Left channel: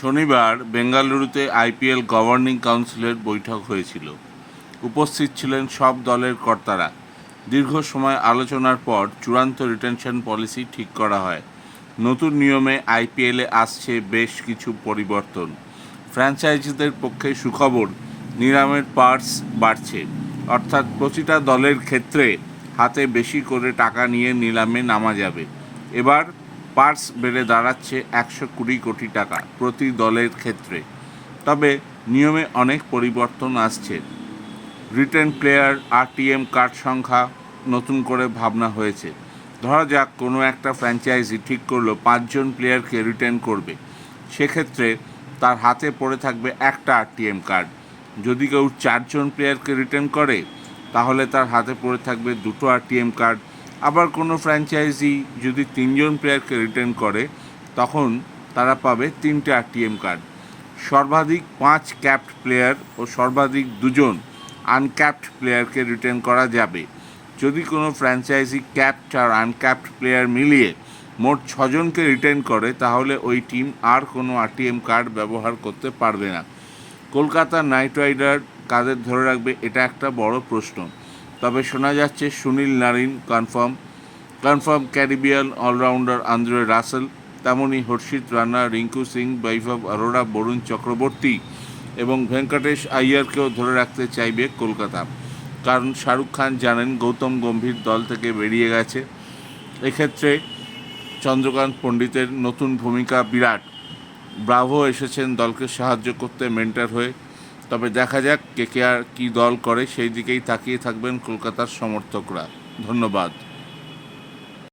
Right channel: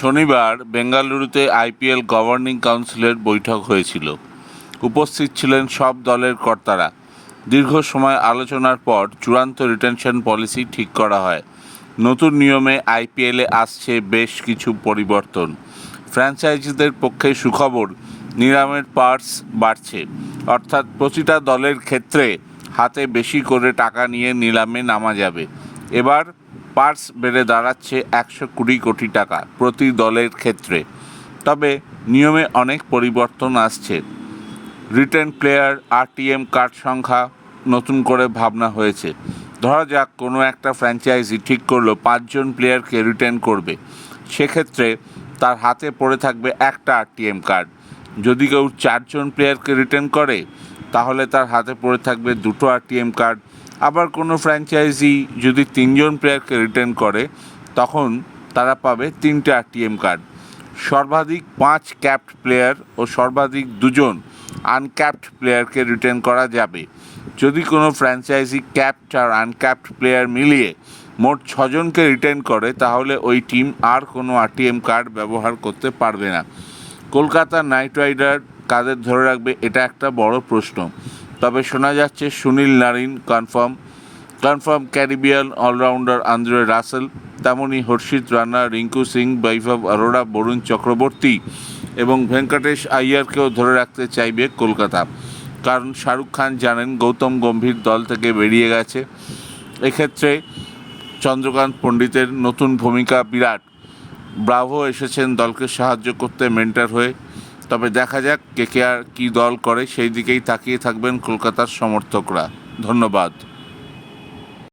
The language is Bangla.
শনিবার বেঙ্গালুরুতে আইপিএল গভর্নিং কাউন্সিলের বৈঠক হয়েছিল। উপস্থিত ছিলেন সব দলের কর্তারা। দীর্ঘ সময় আলোচনার পর চূড়ান্ত রিটেনশন পলিসি ঠিক করা হয়। নতুন নিয়মে আইপিএলে আসছে বেশ কিছু পরিবর্তন। ফ্র্যাঞ্চাইজিদের পক্ষে সুখবর, নিলামের পার্স বাড়ছে, অর্থাৎ প্রতিটা দলের ক্ষেত্রে হাতে বেশি করে টাকা নিয়ে নিলামে নামা যাবে। এবার পার্স বেড়ে দাঁড়াচ্ছে 120 কোটি টাকা প্রতি দলের ক্ষেত্রে। তবে নিয়মে অনেক পরিবর্তন আসছে। রিটেন প্লেয়ার আরটিএম কার্ড সংখ্যা নতুন করে ভাবনা হয়েছে। ধরা যাক কোনো একটা ফ্র্যাঞ্চাইজি ঠিক করলো 5 জন প্লেয়ারকে রিটেন করবে, সেক্ষেত্রে তার হাতে পড়ে থাকবে একটা আরটিএম কার্ড। যদি কেউ 4 জন প্লেয়ারকে রিটেন করে, তাহলে তার হাতে পড়ে থাকবে 2টো আরটিএম কার্ড। আবার কোনো ফ্র্যাঞ্চাইজি যদি 3 জন প্লেয়ারকে রিটেন করে, তখন তারা পাবে 3টে আরটিএম কার্ড। সর্বাধিক 5 ক্যাপড প্লেয়ার ও সর্বাধিক 2 জন আনক্যাপড প্লেয়ারকে রিটেন করা যাবে। যদি কোনো ফ্র্যাঞ্চাইজি ক্যাপড আর আনক্যাপড প্লেয়ার মিলিয়ে মোট 6 জনকে রিটেন করে, তাহলে ওই টিম আর কোনো আরটিএম কার্ড ব্যবহার করতে পারবে না। কলকাতা নাইট রাইডার কাদের ধরে রাখবে, এটা একটা বড় প্রশ্ন। তবে শোনা যাচ্ছে Sunil Narine confirm Caribbean allrounder Andre Russell, তেমনই হর্ষিত রানা, রিঙ্কু সিং, বৈভব অরোরা, বরুণ চক্রবর্তী এবং ভেঙ্কটেশ আইয়ারকেও ধরে রাখতে চাইবে কলকাতা। কারণ শাহরুখ খান জানেন গৌতম গম্ভীর দল থেকে বেরিয়ে গেছে। এক্ষেত্রে চন্দ্রকান্ত পণ্ডিতের নতুন ভূমিকা বিরাট। ব্রাভো এসেছেন দলকে সাহায্য করতে মেন্টর হয়ে। তবে দেখা যাক কেকেআর কী দল করে, সেই দিকেই তাকিয়ে থাকবেন কলকাতার সমর্থকরা। ধন্যবাদ।